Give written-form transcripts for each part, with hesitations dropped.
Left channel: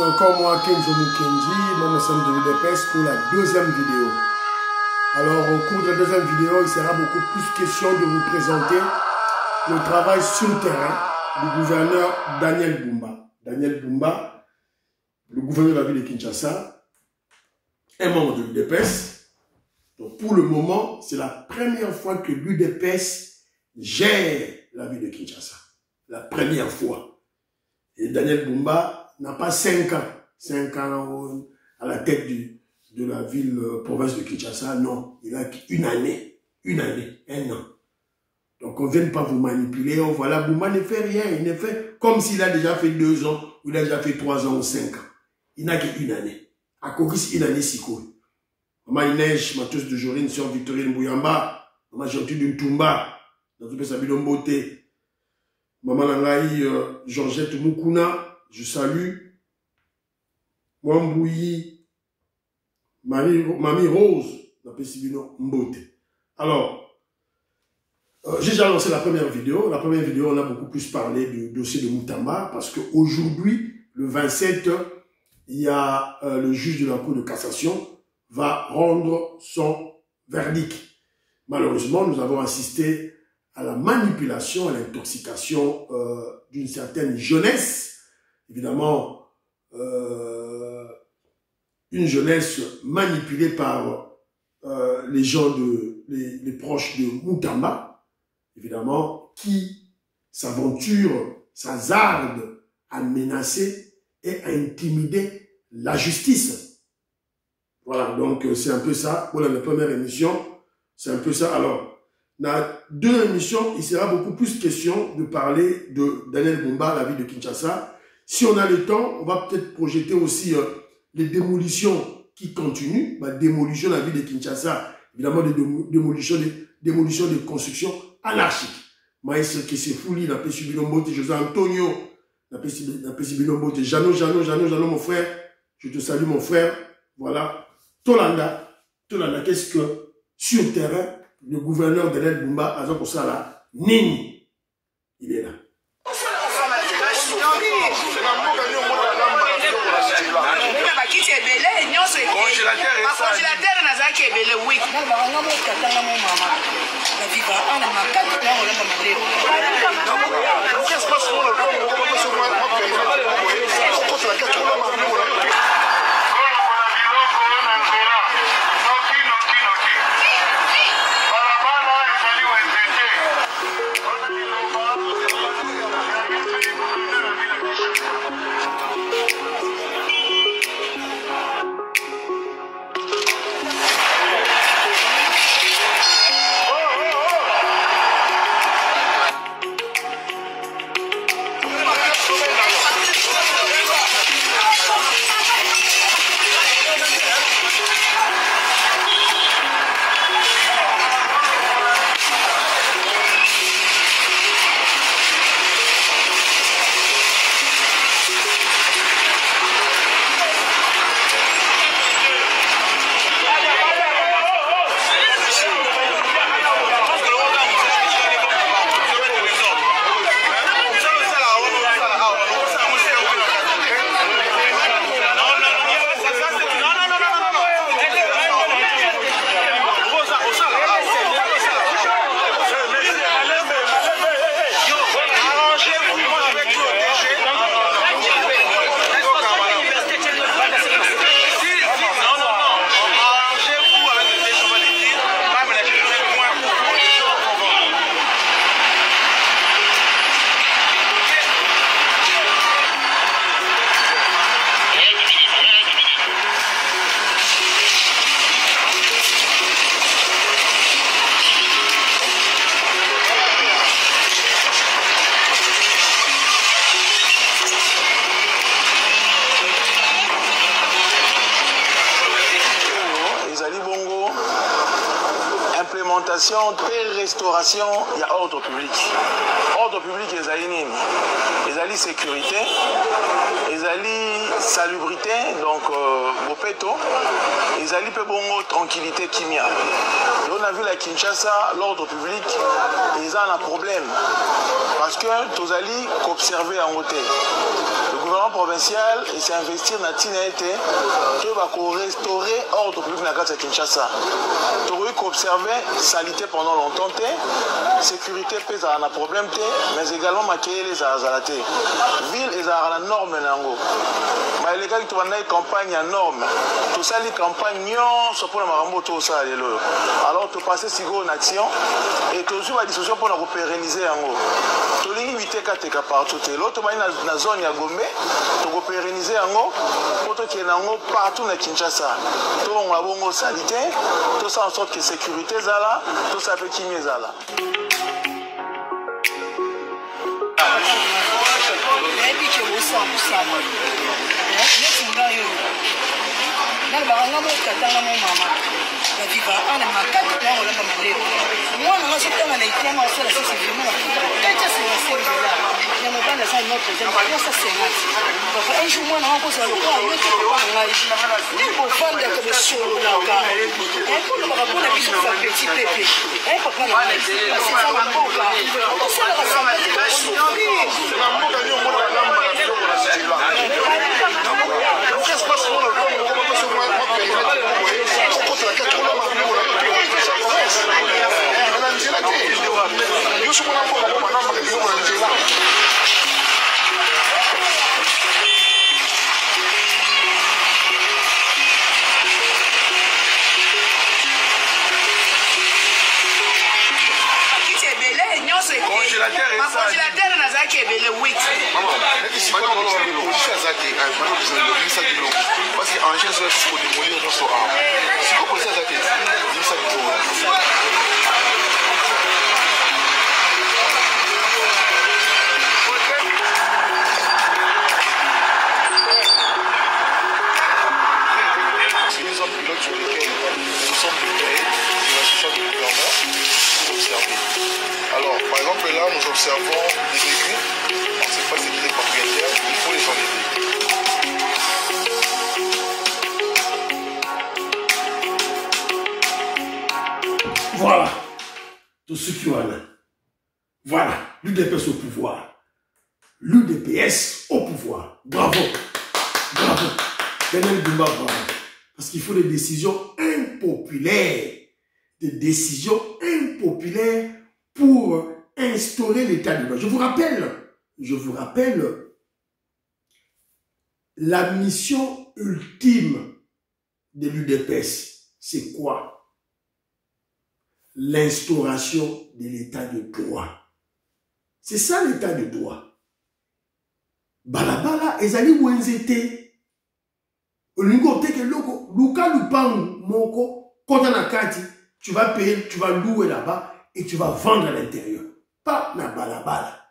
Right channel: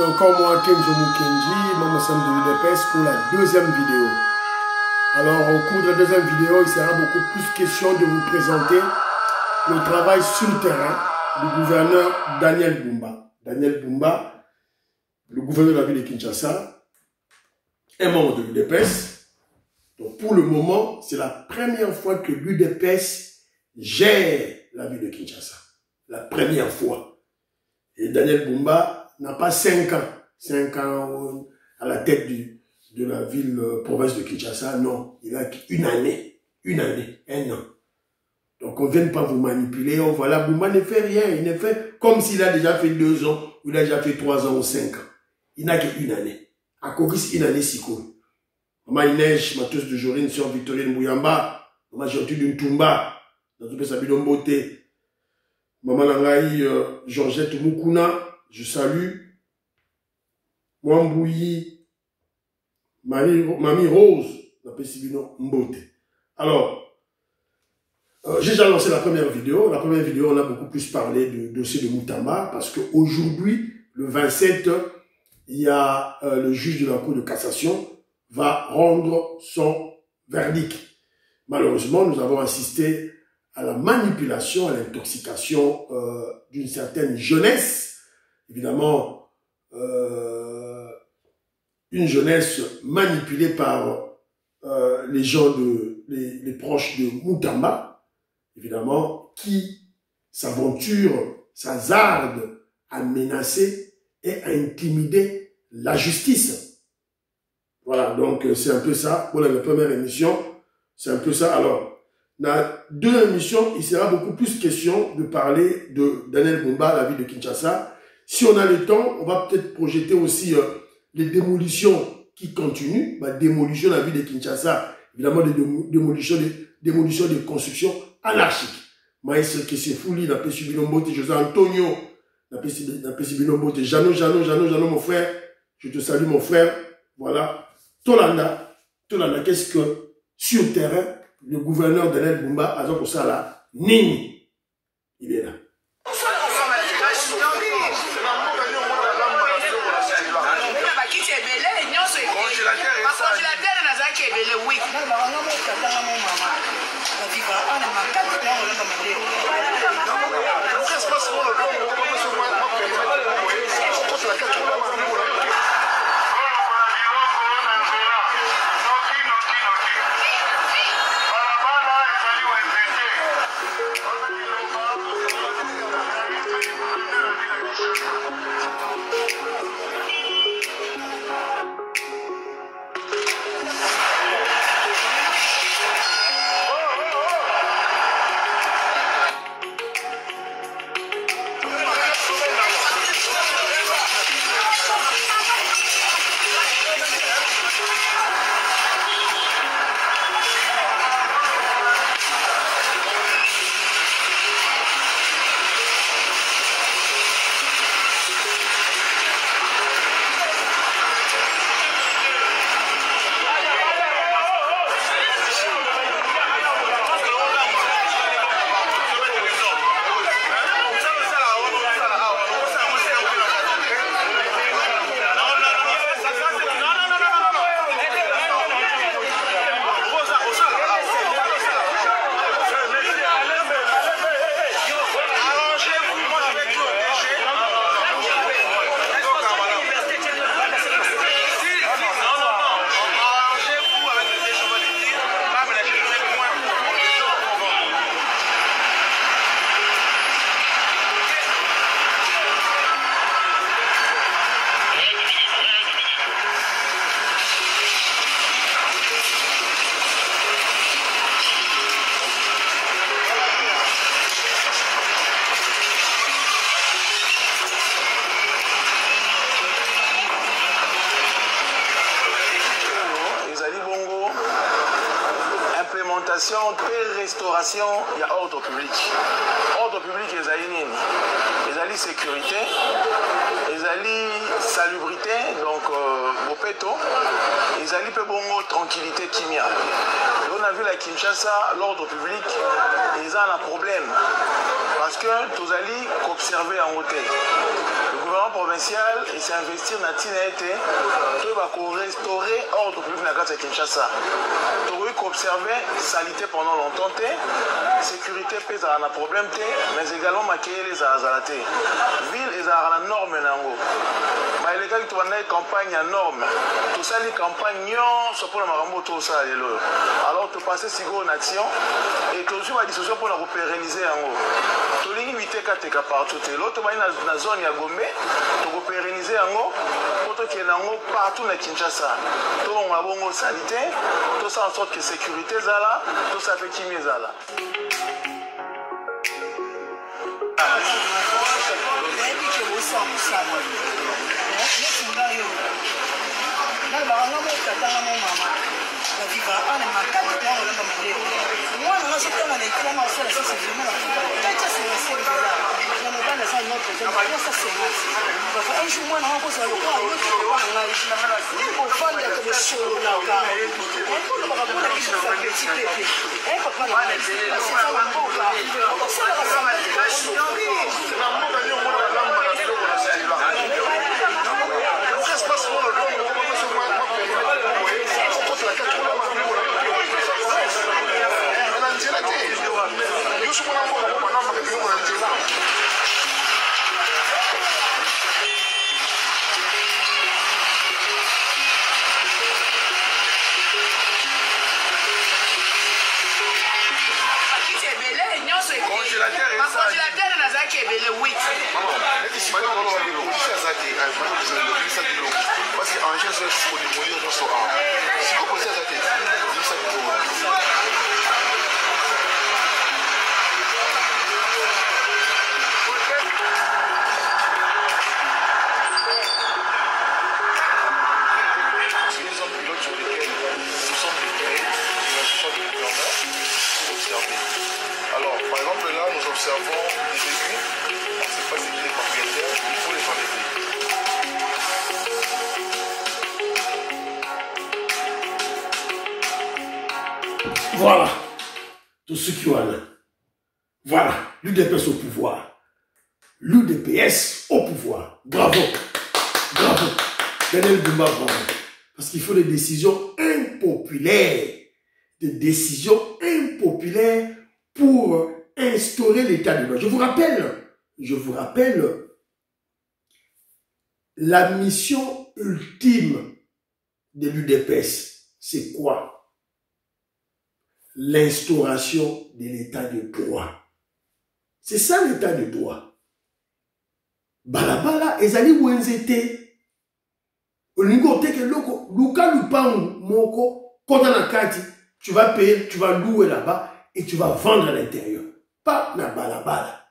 C'est encore moi, Kenzo Mukendi, membre simple de l'UDPS pour la deuxième vidéo. Alors, au cours de la deuxième vidéo, il sera beaucoup plus question de vous présenter le travail sur le terrain du gouverneur Daniel Bumba. Daniel Bumba, le gouverneur de la ville de Kinshasa, est membre de l'UDPS. Donc, pour le moment, c'est la première fois que l'UDPS gère la ville de Kinshasa. La première fois. Et Daniel Bumba n'a pas 5 ans. 5 ans à la tête de la ville, province de Kinshasa. Non, il a une année, 1 an. Donc on ne vient pas vous manipuler. Oh, voilà, Bumba ne fait rien. Il ne fait comme s'il a déjà fait 2 ans, ou il a déjà fait 3 ans ou 5 ans. Il n'a qu'une année. À Kokis, 1 année, si cool. Maman Inèche, Matos de Jorine, Sœur Victorine Bouyamba, Maman Gentil d'une Tumba, dans tout le Sabidon Beauté. Maman Langaï, Georgette Moukouna, je salue. Mwambouyi, Mamie Rose, la Pessibino Mbote. Alors, j'ai déjà lancé la première vidéo. La première vidéo, on a beaucoup plus parlé du dossier de Moutamba, parce qu'aujourd'hui, le 27, il y a le juge de la Cour de cassation va rendre son verdict. Malheureusement, nous avons assisté à la manipulation, à l'intoxication d'une certaine jeunesse. Évidemment, une jeunesse manipulée par les gens, les proches de Moutamba, évidemment, qui s'aventure, s'hasarde à menacer et à intimider la justice. Voilà, donc c'est un peu ça. Pour la première émission, c'est un peu ça. Alors, dans la deuxième émission, il sera beaucoup plus question de parler de Daniel Bumba, la ville de Kinshasa. Si on a le temps, on va peut-être projeter aussi les démolitions qui continuent. La démolition de la ville de Kinshasa, évidemment des démolitions de constructions anarchiques. Maïs Kessefouli, la Pessi Bilombote, José Antonio, la Pessi Bilombote, Jano, mon frère, je te salue mon frère. Voilà. Tolanda, qu'est-ce que sur le terrain, le gouverneur Daniel Bumba a dit pour ça là, Nini, il est là. Restauration, il y a ordre public. Ordre public, les alliés, les alliés sécurité, les alliés salubrité, donc Bopeto, les alliés Pebongo, tranquillité, Kimia. On a vu la Kinshasa, l'ordre public, ils ont un problème. Parce que tous alliés qu'observer en hôtel. Le gouvernement provincial et c'est investir dans Tinaete, tout va restaurer ordre public dans la carte de Kinshasa. Tu as observé salité pendant longtemps, sécurité pèse à un problème, mais également maquiller les azalatés. Ville est à la norme. Mais les gars qui ont une campagne à norme, tout ça, les campagnes, sont pour la tout ça. Alors, tu passes si gros nation et tu as une discussion pour nous pérenniser en haut. Tu as une limité partout. L'autre, tu as une zone à Gombe, tu as pérenniser en haut, pour que tu aies partout dans Kinshasa. Tu as une salité, tout ça en sorte que sécurité est là, tout ça fait qui est là. Alors, par exemple, là, nous observons des véhicules. On ne sait pas c'est qui les propriétaires, il faut les enlever. Voilà. Tous ceux qui ont là. Voilà. L'UDPS au pouvoir. L'UDPS au pouvoir. Bravo. Bravo. Daniel Bumba, bravo. Parce qu'il faut des décisions impopulaires. Des décisions impopulaires pour instaurer l'état de droit. Je vous rappelle la mission ultime de l'UDPS. C'est quoi? L'instauration de l'état de droit. C'est ça l'état de droit. Balabala, ezali wenzete. Olingo teke loko, luka lupangu moko, kota na kati, tu vas payer, tu vas louer là-bas et tu vas vendre à l'intérieur. Pas na balabala.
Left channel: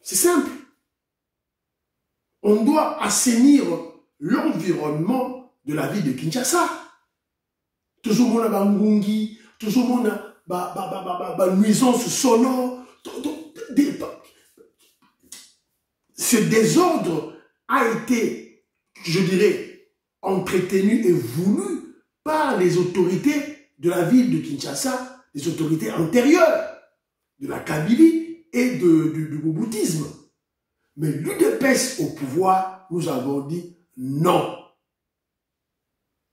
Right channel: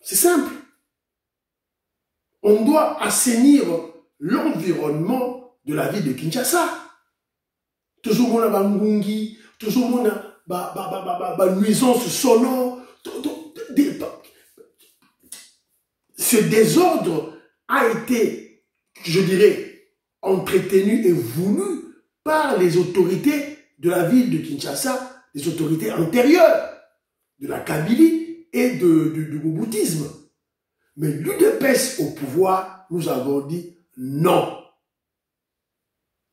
C'est simple. On doit assainir l'environnement de la ville de Kinshasa. Toujours mon bangungi, toujours mon nuisance sonore. Ce désordre a été, je dirais, entretenu et voulu par les autorités de la ville de Kinshasa, les autorités antérieures de la Kabylie et du boboutisme. Mais l'UDPS au pouvoir, nous avons dit non.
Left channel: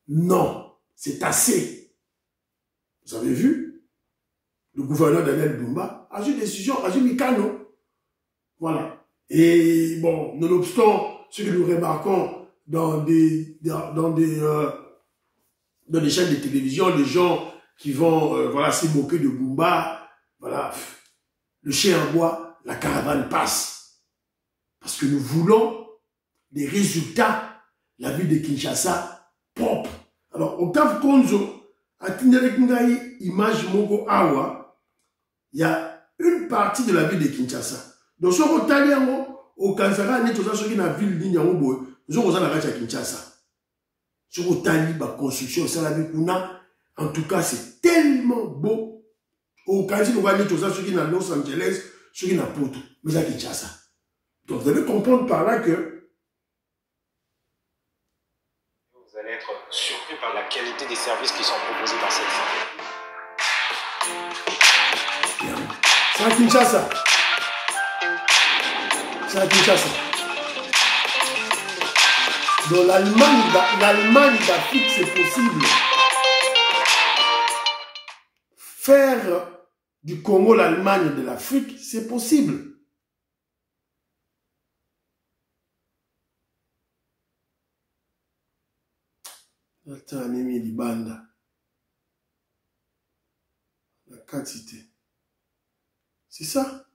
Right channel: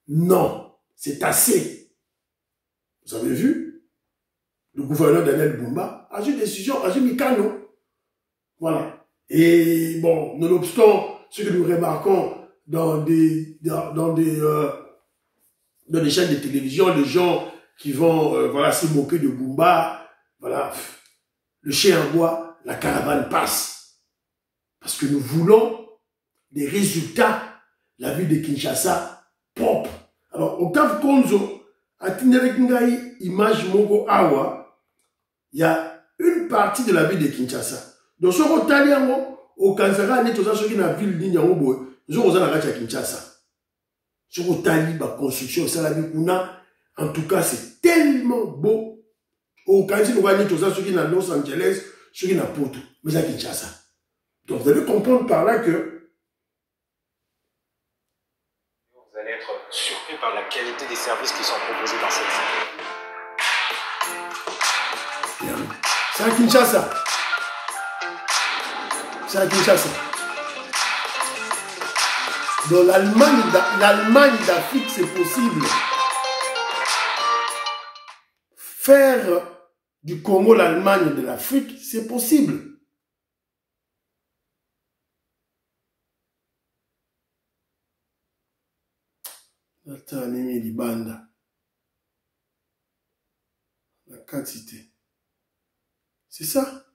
Non, c'est assez. Vous avez vu? Le gouverneur Daniel Bumba a eu une décision, a eu Mikano. Voilà. Et bon, nonobstant ce que nous remarquons dans des chaînes de télévision, les gens qui vont voilà, se moquer de Bumba, voilà, le chien en bois, la caravane passe. Parce que nous voulons des résultats, la ville de Kinshasa propre. Alors, Octave Konzo, à Tinderekingaï, image Mogo Awa, il y a une partie de la ville de Kinshasa. Donc, ce Rotaliango, au Kansara, il y a tout ça, ce qui est dans la ville de Kinshasa. Ce qui est dans Kinshasa. Ce qui est dans la construction, en tout cas, c'est tellement beau. Au Kansara, il y a tout ça, ce qui est dans Los Angeles, ce qui est dans Porto, mais à Kinshasa. Donc, vous allez comprendre par là que vous allez être surpris par la qualité des services qui sont proposés dans cette ville. c'est à Kinshasa. C'est à Kinshasa. Dans l'Allemagne d'Afrique, c'est possible. Faire du Congo l'Allemagne de l'Afrique, c'est possible. Attends, Némi Libanda. La quantité. C'est ça.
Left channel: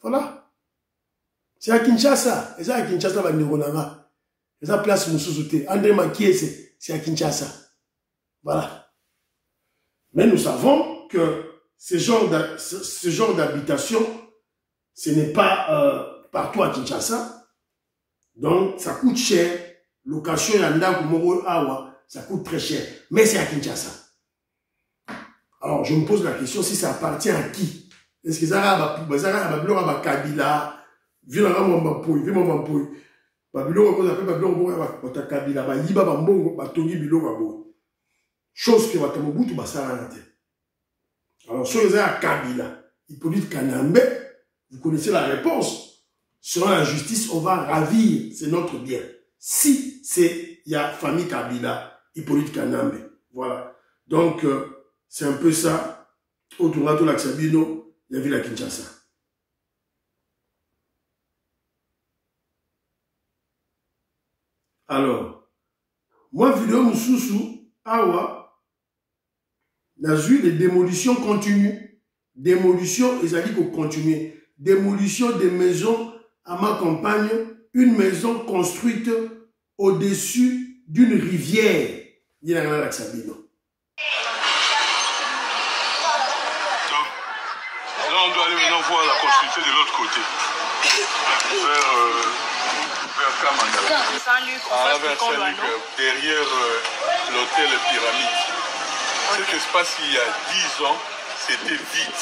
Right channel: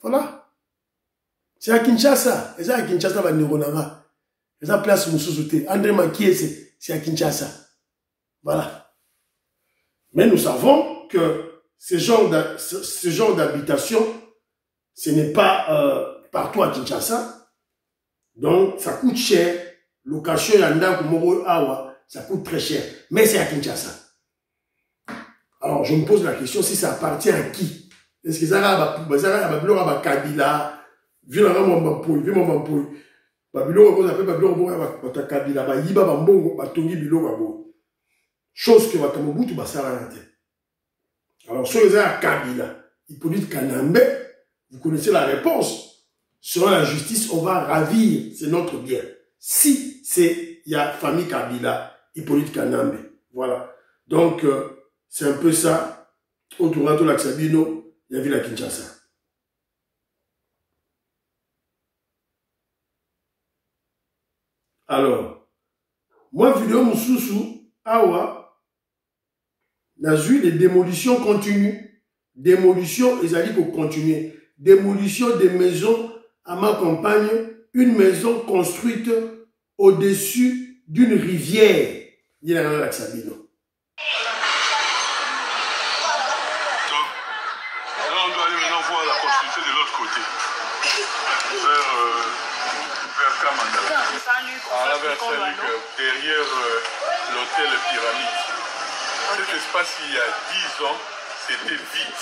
Voilà. C'est à Kinshasa. Et ça à Kinshasa, va Nironanga. Et ça place Moussousoute. André Makiese, c'est à Kinshasa. Voilà. Mais nous savons que ce genre d'habitation, ce n'est pas partout à Kinshasa. Donc, ça coûte cher. Location yanda kumoro awa, ça coûte très cher. Mais c'est à Kinshasa. Alors, je me pose la question, si ça appartient à qui? Est-ce que ça va Kabila, chose que Watamobutu basara. Alors, si vous avez Kabila, Hippolyte Kanambe, vous connaissez la réponse. Selon la justice, on va ravir, c'est notre bien. Si il y a famille Kabila, Hippolyte Kanambe. Voilà. Donc, c'est un peu ça. Autour de l'Axabino, il y avait la Kinshasa. Alors, moi, vidéo Moussoussou, Awa, n'a vu les démolitions continues. Démolition, ils allaient continuer. Démolition des maisons à ma campagne, une maison construite au-dessus d'une rivière. Il y a la Sabino. Là, on doit aller maintenant voir la construction de l'autre côté. Vers Kamandala. Derrière l'hôtel Pyramide. Cet espace, il y a 10 ans, c'était vide.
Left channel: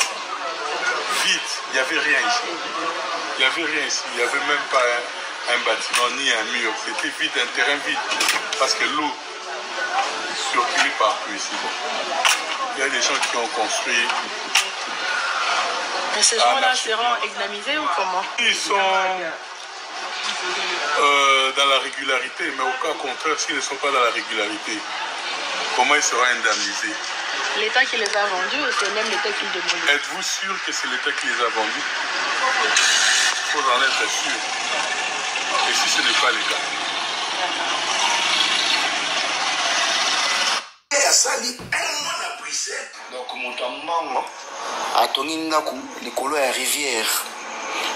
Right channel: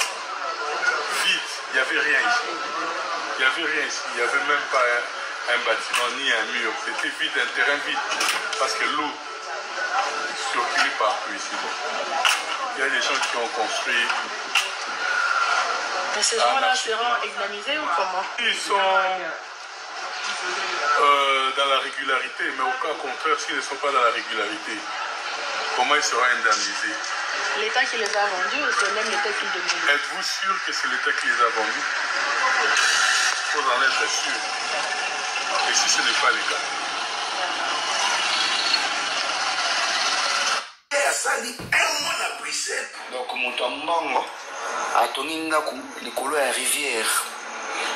Vide. Il n'y avait rien ici. Il n'y avait rien ici. Il n'y avait même pas un bâtiment ni un mur. C'était vide, un terrain vide. Parce que l'eau circulait partout ici. Il y a des gens qui ont construit. Mais ces gens-là seront examinés ou comment? Ils sont dans la régularité, mais au cas contraire, s'ils ne sont pas dans la régularité, comment ils seront indemnisés? L'État qui les a vendus ou c'est même l'État qui les demande? Êtes-vous sûr que c'est l'État qui les a vendus? Il faut en être sûr. Et si ce n'est pas le cas? Donc moto ya mbango atongi ndaku likolo ya rivière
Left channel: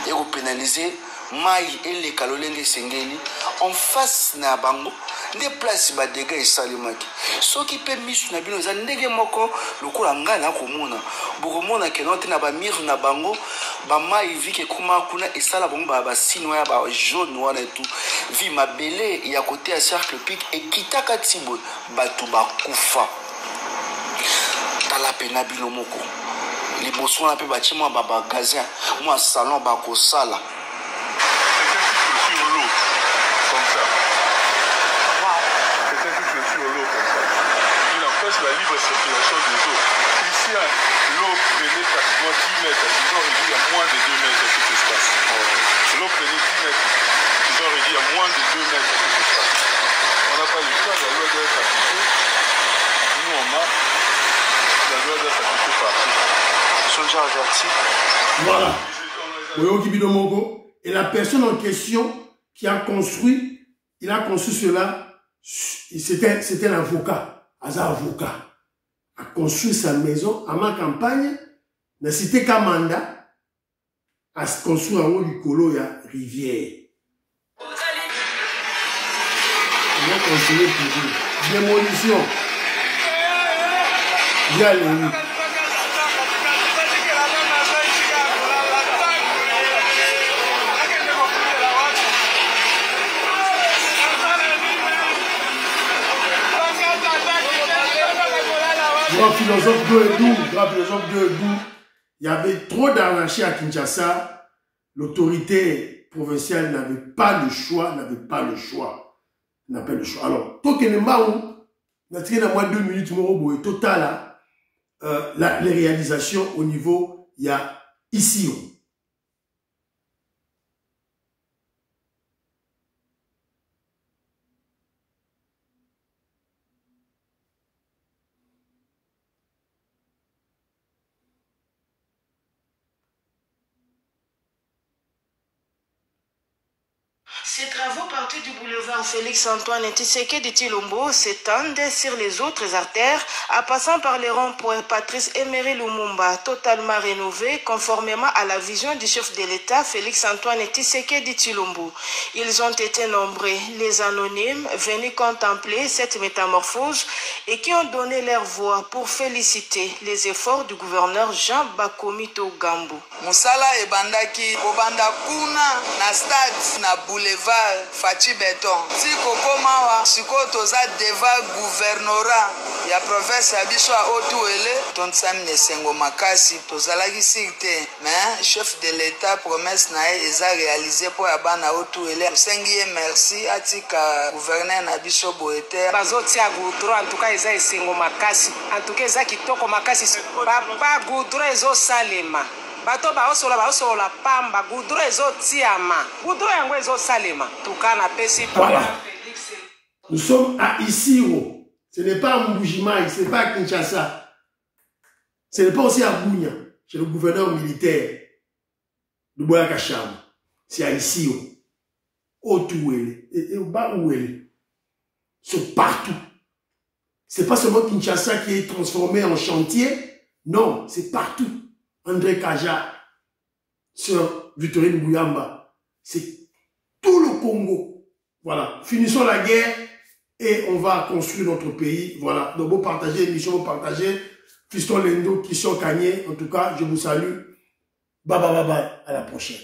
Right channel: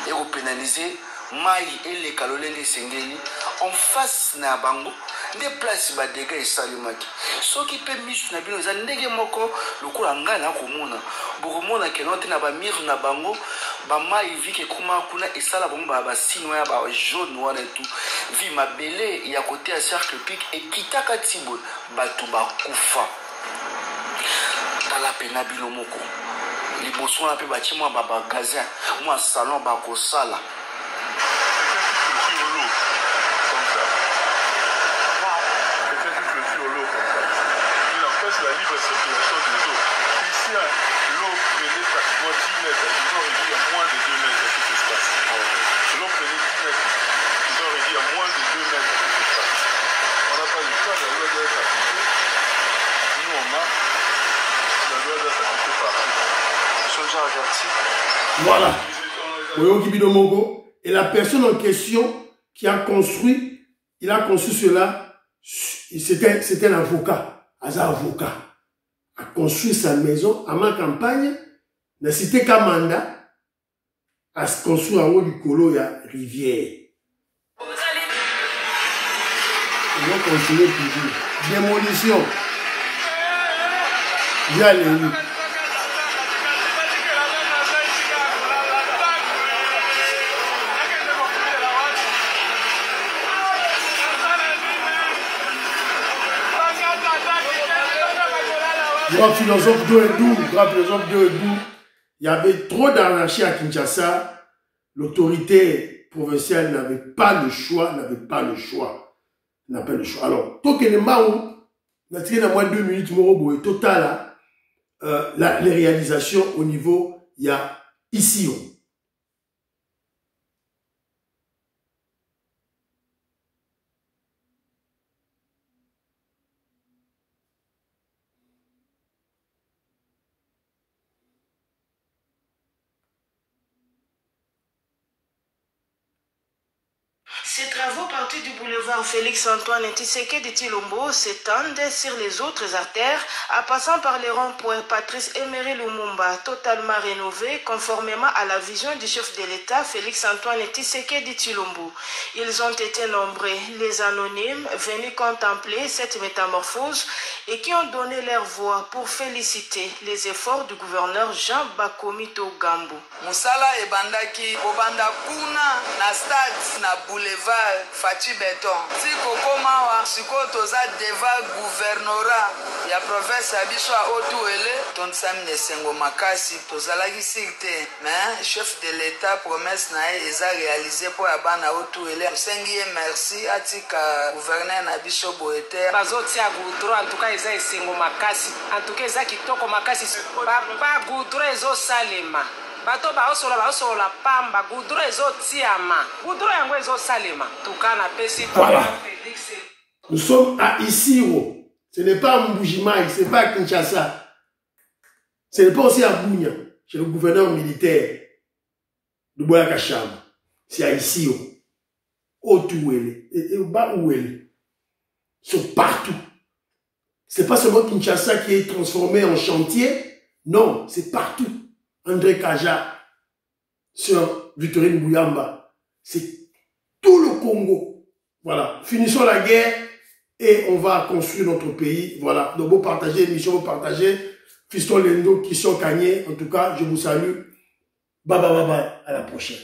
ekopénaliser mai eleka lolenge esengeli en face na bango nde place badega esalemaki soki mpe misu na bino eza ndenge moko lokola ngai nakomona bokomona keno te na bamire na bango bamai vike ekoma kuna esala bango basino ya bajaune wana etu vi mabele ya kote ya cercle pic ekitaka tibo bato bakufa tala pena bino moko liboso wana mpe batie mwa babagazin mwa salon bakosala la libre circulation des eaux. Ici, l'eau prenait pratiquement 10 mètres. Ils ont réduit à moins de 2 mètres tout espace. L'eau prenait 10 mètres. Ils ont réduit à moins de 2 mètres tout espace. On n'a pas le choix, la loi doit être appliquée. Nous, on a. La loi doit être appliquée partout. Ils sont déjà avertis. Voilà. Et la personne en question qui a construit, il a conçu cela, c'était un avocat. Un avocat a construit sa maison à ma campagne, na cité Kamanda, a construit en haut du colo, il y a rivière. On va continuer toujours. Démolition. Viens les rues. Grand philosophe d'Oedou, il y avait trop d'anarchie à Kinshasa. L'autorité provinciale n'avait pas le choix. Alors, Tokenembaou, n'a tiré dans moins de 2 minutes, Morobo et total, les réalisations au niveau, il y a ici. Ces travaux partis du boulevard Félix-Antoine Tshisekedi Tshilombo s'étendent sur les autres artères, en passant par les ronds-points Patrice Emery Lumumba, totalement rénovés conformément à la vision du chef de l'État Félix-Antoine Tshisekedi Tshilombo. Ils ont été nombreux, les anonymes, venus contempler cette métamorphose et qui ont donné leur voix pour féliciter les efforts du gouverneur Jean Bakomito Gambo. Musala ebandaki obanda kuna na stade na boulevard Fachi Beton. Si kokomawa sikotoza deva gouvernorat ya province ya biso a Otuele tonsami nesengo makasi tozalaki sirte mais chef de l'État promesse na eza réalisé pour abana Otuele sengi merci atika gouverneur na biso boete bazotia goudron en tout cas eza esengo makasi en tout cas eza kitoko makasi papa goudron ezo salema bato baosola pamba goudron ezotiama goudron yango ezosalema tukana pesi voilà. Nous sommes à Isiro. Ce n'est pas à Mbujimaï, ce n'est pas à Kinshasa. Ce n'est pas aussi à Bounia, chez le gouverneur militaire de Boyakacham. C'est à Isiro. Otuele et Baouele. Ils sont partout. Ce n'est pas seulement Kinshasa qui est transformé en chantier. Non, c'est partout. André Kaja, Sœur Victorine Bouyamba. C'est tout le Congo. Voilà. Finissons la guerre et on va construire notre pays. Voilà. Donc, vous partagez l'émission, vous partagez. Fiston Lendo, Kisson Kanye. En tout cas, je vous salue. Bye bye bye bye. À la prochaine.